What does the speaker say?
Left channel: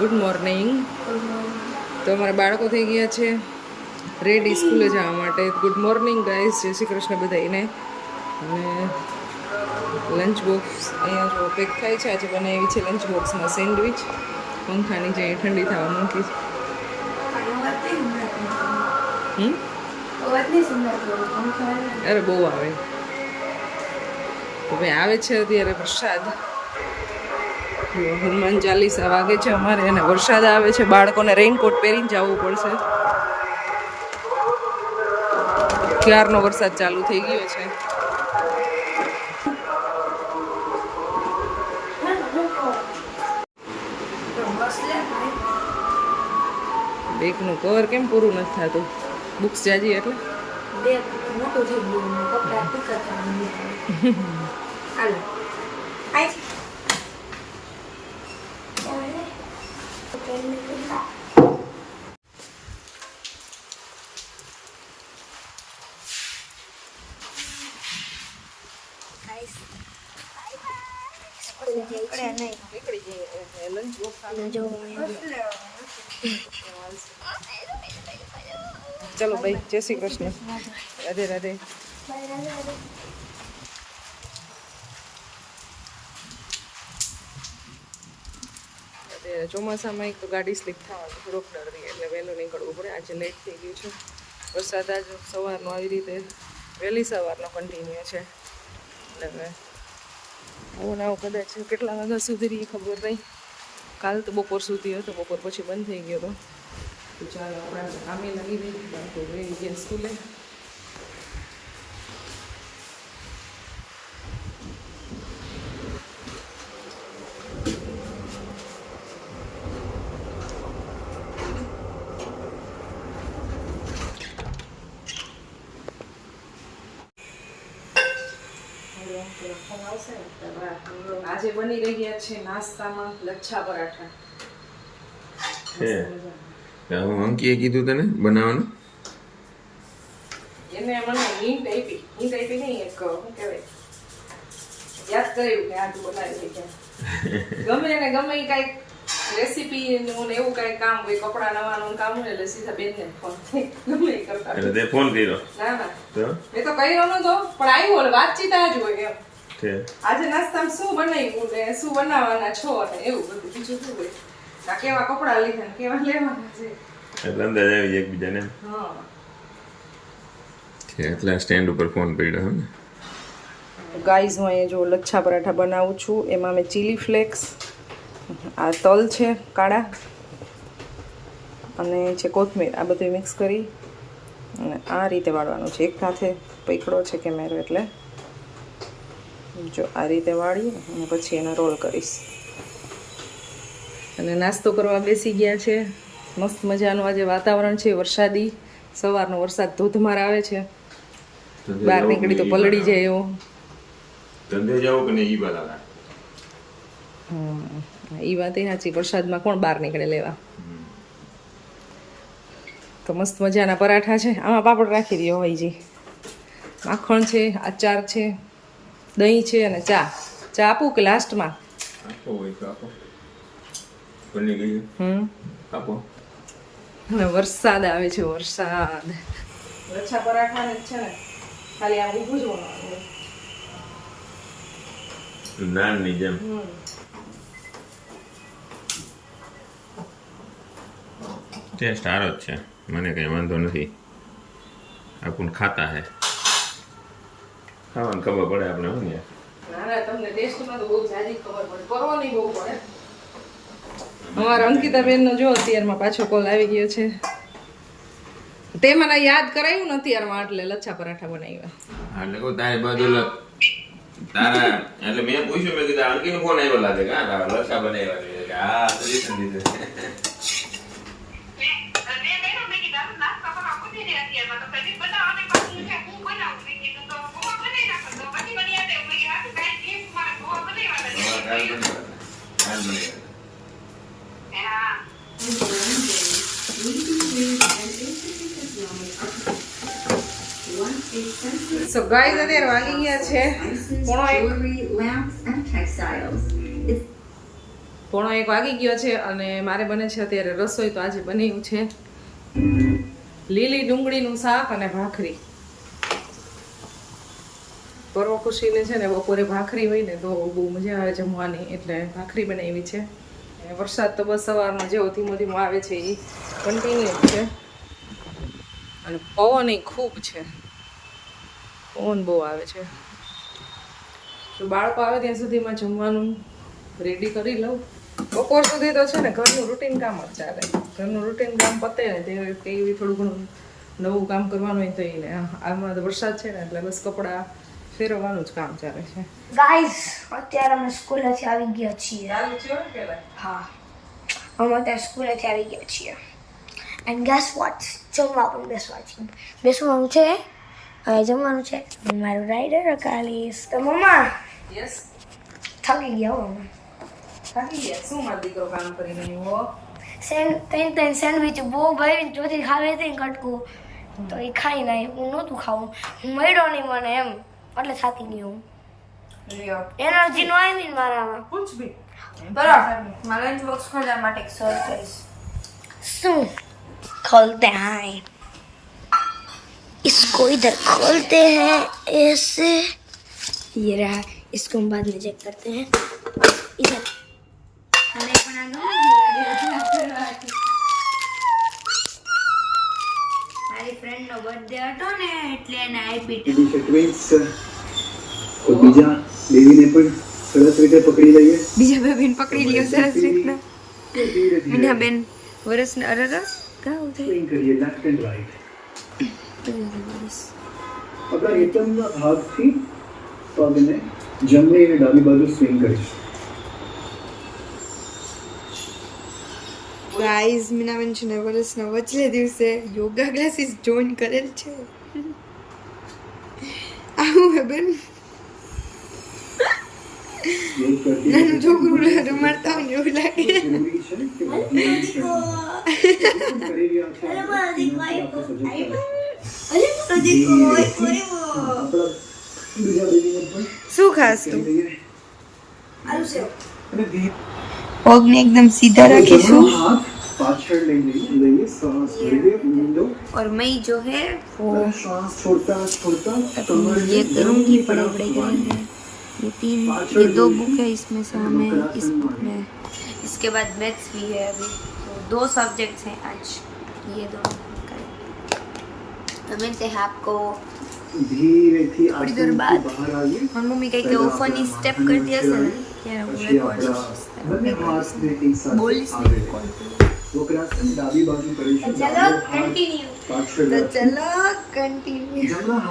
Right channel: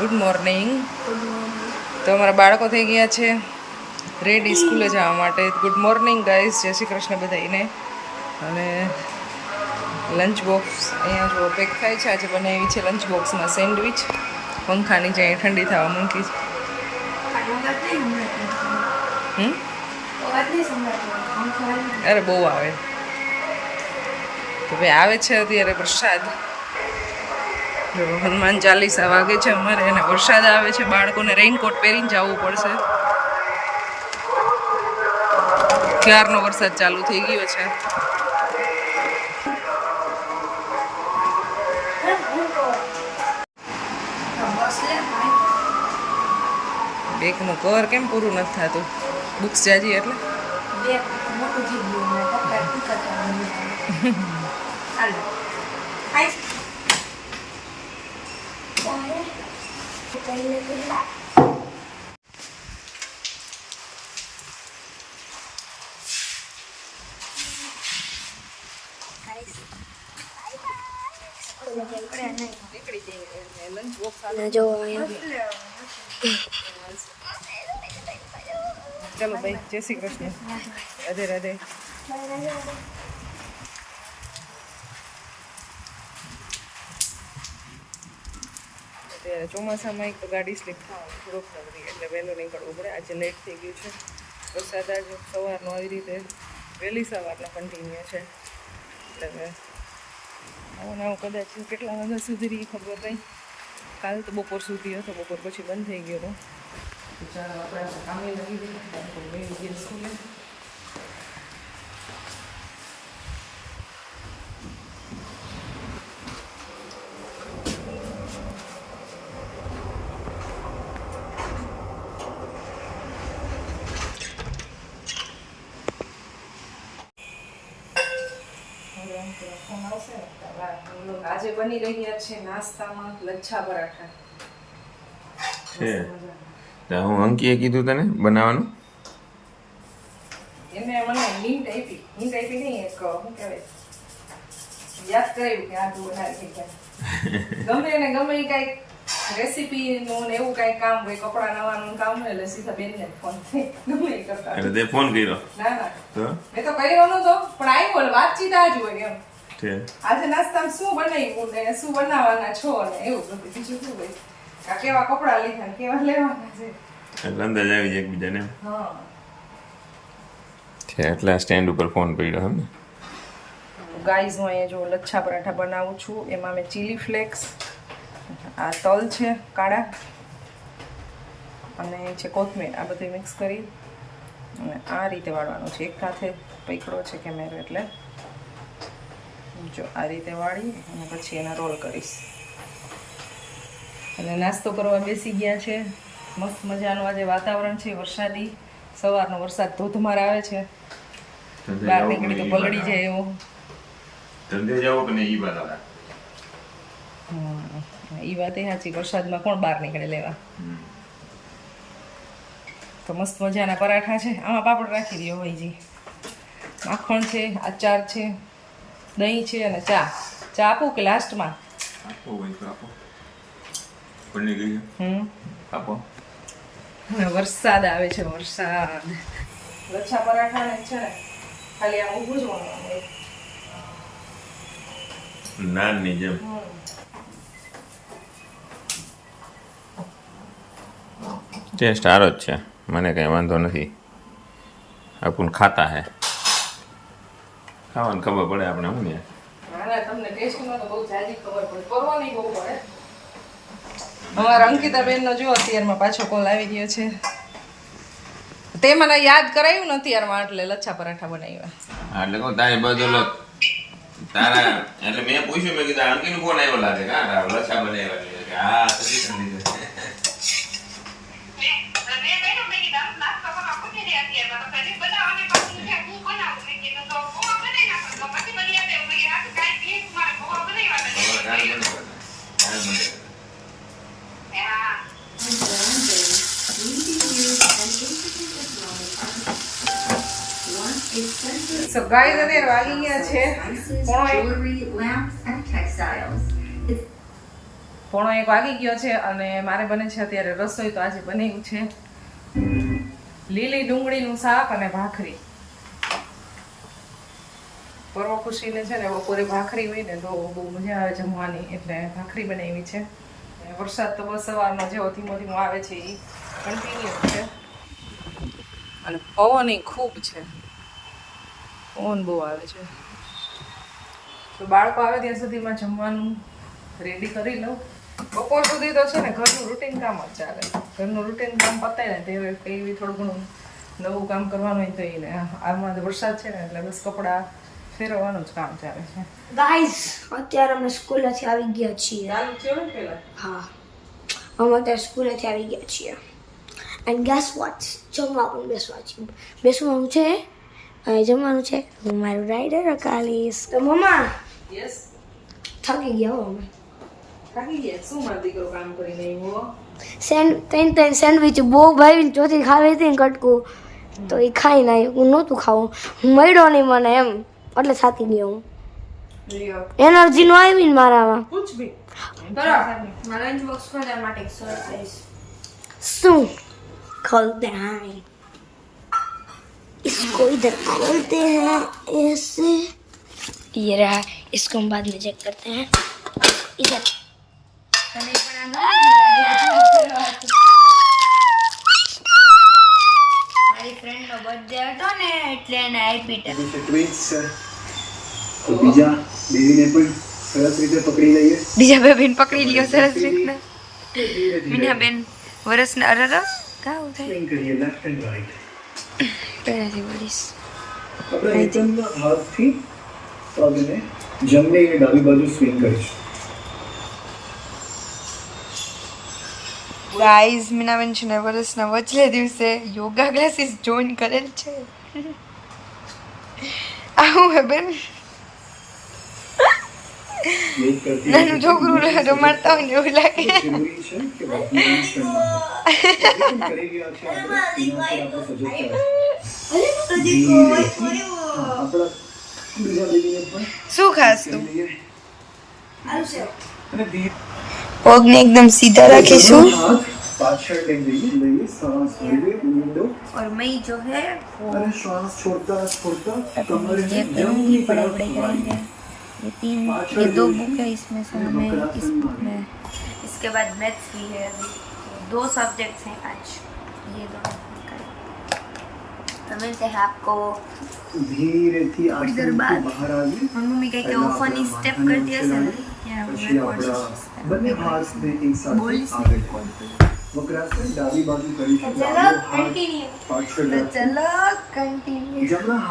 Good morning. તો અમારા બાળકો થઈ ગયા છે રેડી સ્કૂલે જવા માટે. ગુડ મોર્નિંગ ગાઈઝ, જય શ્રી કૃષ્ણ બધાને. અને લંચ બોક્સ અહીંયા જો પેક થાય છે. આજે બનાવી છે લંચ બોક્સમાં સેન્ડવિચ. પંખાની જે ઠંડી થવા મૂકી છે. અરે બહુ આવે તો ભાઈ આવે છે અત્યારે પ્રસાદ. જો હનુમાન ચાલીસા વાગે છે અમારે અને વરસાદ આવે છે. બાળકોને રેઇનકોટ પહેરીને જવું પડશે. ક્યારનો વરસાદ ચાલુ થઈ ગયો છે. બેગનું કવર કેમ પૂરું નથી થતું? બુક્સ જાજી એટલે મોટું થઈ ગયું ને કપડા ચલો ભાઈ, જય શ્રી કૃષ્ણ, રાધે રાધે. અત્યારે ચોમાસામાં એક તો ગાડી સ્લીપ થાય, થોડોક ડર રહી એટલે વહેલું નીકળવું પડે. આજે લેટ થઈ ગયું છે. વરસાદ આજ સવારનો આવી રીતે વહેલી સવારનો કન્ટિન્યુ છે એટલે આવું ને આવું કદાચ કેટલા વાગ્યા સુધી રહી ખબર નહીં. કાલ તો બપોર સુધી હતો, બપોર પછી બંધ થઈ ગયો હતો. તો ચાલો આપણે કામે લાગી દઈએ. બાળકો ગઈ ગઈ સ્કૂલે. આજે બની રહ્યા છે નાસ્તામાં લચ્છા પરાઠા. હું અંકીએ કીધું તને બનાવવાનું. એને મને હિન્ટ આપી નહીં, એક શું કહેવાય, યાદ કરાવ્યું કે આ તું બનાવી છે. ગમે ને ગમે એ કાંઈક રેસીપી ને એવું કાંઈ કામ હોય, કપડાં નવાનું કામ હોય એટલે સીધા બેનને ફોન ગમે એ કરતા. એટલે તે ફોન કર્યો? ના તો મેં તો કર્યો નતો, પણ આવ્યું વાતચીત આ જ હોય એમ. આજે નાસ્તામાં શું બનાવ્યું ને શું બનાવવાના છો ને એવું બધું. બીજું શું હોય, કેવા કપડા લીધા ને કેવા લેવાના છે એટલે અંદાજ આવી જાય એકબીજાને. હા, એટલે સ્ટેન્ડ ઉપર ફોન પડ્યો એમ ને. ગાઈઝ હું અહીંયા જો લચ્છા પરાઠા બનાવું છું. એમાં મેં ચીલી ફ્લેક્સ, આ તલ છે કાળા અને છે કોથમીર, આ બધું મિક્સ કરી અને આ રીતે વાળવાનું છે. એક સાથે પકડો છે કેમેરો એટલે જો આ રીતે વાળી અને પછી એના રોલ કરીશ. અને નાસ્તો કરવા બેસી ગયા છે. મસ્ત મજાનું આજે વાતાવરણ છે વરસાદી. સવારનો વરસાદ ધોધમાર આવે છે. બહાર નીકળી તો પલળી જાય એવો. ધંધે જાવ કે નહીં ઈ વાત આવે. એ વાત એ સાચી, વરસાદમાં કોણ બહાર નીકળે લેવા. તો મસ્ત મજાના પરાઠા છે. આમાં પાપડ રાખી દો ભાઈજી. માખણ છે, આચાર છે, દહીં છે અને ચા. ચા આપું કે લાસ્ટમાં? આપો ભાઈ, આપો. બની ગઈ. આપો. અને વરસાદ આવે છે, વરસાદ. લચ્છા પરાઠા ને છે ને ખાલી આમ ઊભું જ બનાવવાનું. નાન ની જેમ. ટેસ્ટ સારો જ છે, મને કઈ વાંધો નથી. આપણ ખાતા હે, ખાવાની ખબર પડે આપણે. શું ને ના ના, તમને ટેસ્ટમાં તો બહુ જાજી ખબર પડે, પરવાની બહુ પડે. અમારા અંકિતાબેનનો જો અત્યારમાં પાછો કોલ આવી ગયો છે. તે મને યાદ કરાયું ને અત્યારમાં, એટલે લચ્છા પરાઠા બનાવ્યા. એટલે કહું તારી બધું તારા એટલે મેં પૂછ્યું, મેં કીધું અંકીનો ફોન આવ્યો લાગે કે હા લચ્છા બનાવ્યા કે હા સજેશન દીધું. સો ગાઈઝ અત્યારે વાગી ગયા છે 1:30. 1 વાગી ગયો છે અને મારે બને છે અત્યારે રસોઈ. તો આજે બનાવ્યું છે લીલી ડુંગળીનું શાક અને ભાખરી. પર્વ ખુશીને છે ને બપોરે ભાખરી હોય ને તો બહુ મજા આવે જમવાની, એટલે ભાખરી બનાવી છે. અને વરસાદ તો બસ સવારમાં જેવો ધીમો ધીમો આવે છે એ કન્ટિન્યુ છે. અને પવન ખૂબ છે, પવન બહુ આવે છે. તો બાળકો આવે ત્યાં સુધીમાં જમવાનું રેડી કરી લઉં. બપોર સુધી તો છે ને ઘરનું રૂટીન કામ જ ચાલે. ઘરનું રૂટીન કામ પતે ને તે એવી થોડું ઘણું નવું કામ કરવાનું હોય તો એને આમાં તો વરસાદ છે ને એટલે બસ કપડાં ફેરવવાનું જ કામ ચાલે છે. ગાઈસ અત્યારે અમે સ્કૂલેથી આવી ગયા છીએ. ચાલુ છે ને પેલા હા, અમે અત્યારે સ્કૂલેથી આવી ગયા છીએ. એન્ડ ગેસ વોટ, જમવા પણ બેસવાનું છે. હવે જમવાનું છે. હું મારું રાઈડર અકાલીશ. તો મમ્મા યસ થાકી ગયા હો અમે. થાકી ગયા. શું મારો દીકરો કામ કરી રહ્યો? ત્રણ સેન્ડવિચ બહુ ભાઈ ચોથી ખાવી હતી ને કટકું, તો એ ખાઈ ના હું નહોતું ખાવું. હું મળ્યો નહીં મને એમ, એટલે થાકી ગયો હું. એનર્જી નો આવી ને મારામાં. પૂછ ભી મારા લંચ બોક્સ ખોલવા માટે એક સરપ્રાઈઝ. શું खोलते हैं इसको, इधर खोलते हैं ऐसे, ये रहा. इसको हम बाद में चेक करते हैं. इधर મારી ફ્રેન્ડ નો બર્થડે હતો ને એટલે એને આપી. તો બીજા બેબીને પણ સરસ રીતે પકડી લઈએ. બીજા બેબીને પકડી લ્યો સરસ રીતના. મીના બેન વર્ષના અરર કાવ થાય સ્વિંગ કરીએ લેફ્ટ એન્ડ રાઈટ. પહેલાથી બોલીશ. આપણા નીચેના ભાગથી પગને જમણી અને ડાબી બાજુ સ્વિંગ કરીશું. ગાઈઝ મીનાબેન છે ને વર્ષના વચલે દિવસે યોગા ક્લાસીસ જોઈન કરેલ છે. આવું હે બેન, નાનું છોકરું રમાડતા હોય ને એવું લાગે. જરૂરી છે કે વર્તમાન ક્ષણમાં કરી રહ્યા છે આપણે એના પર આપણે સજગ થઈએ. આપણા બીજા બેબીને પણ શું ખાસ તું? લઈએ અને ધીરે પગને એકદમ સીધા રાખીશું. હાથ પાછળ લઈએ શ્વાસ લઈએ ઊંડો और मैं जो है वो અને શ્વાસ છોડતા છોડતા अपनी ये करूँगी, पढ़ाई करेंगे. ये 2 बुक है, इसमें से हमें इस बुक में, इसके बाद मैथ्स भी है. अभी तो 2 सब्जेक्ट्स हैं आज, ये दोनों कल. तो मिलते हैं आपको ધીરેથી थोड़ी देर बाद. બહાર આવીએ. मम्मी कह के वो फनी स्टेप कर दिया से ना क्या वो પછી रिकॉर्ड આપણા બંને હાથને એકસાથે बोलिस આગળ कॉल વક્રાસન ડાબી બાજુ કરીશું. चलो कंटिन्यू. પાછળ तो चलो कंटिन्यू. જમણા હાથ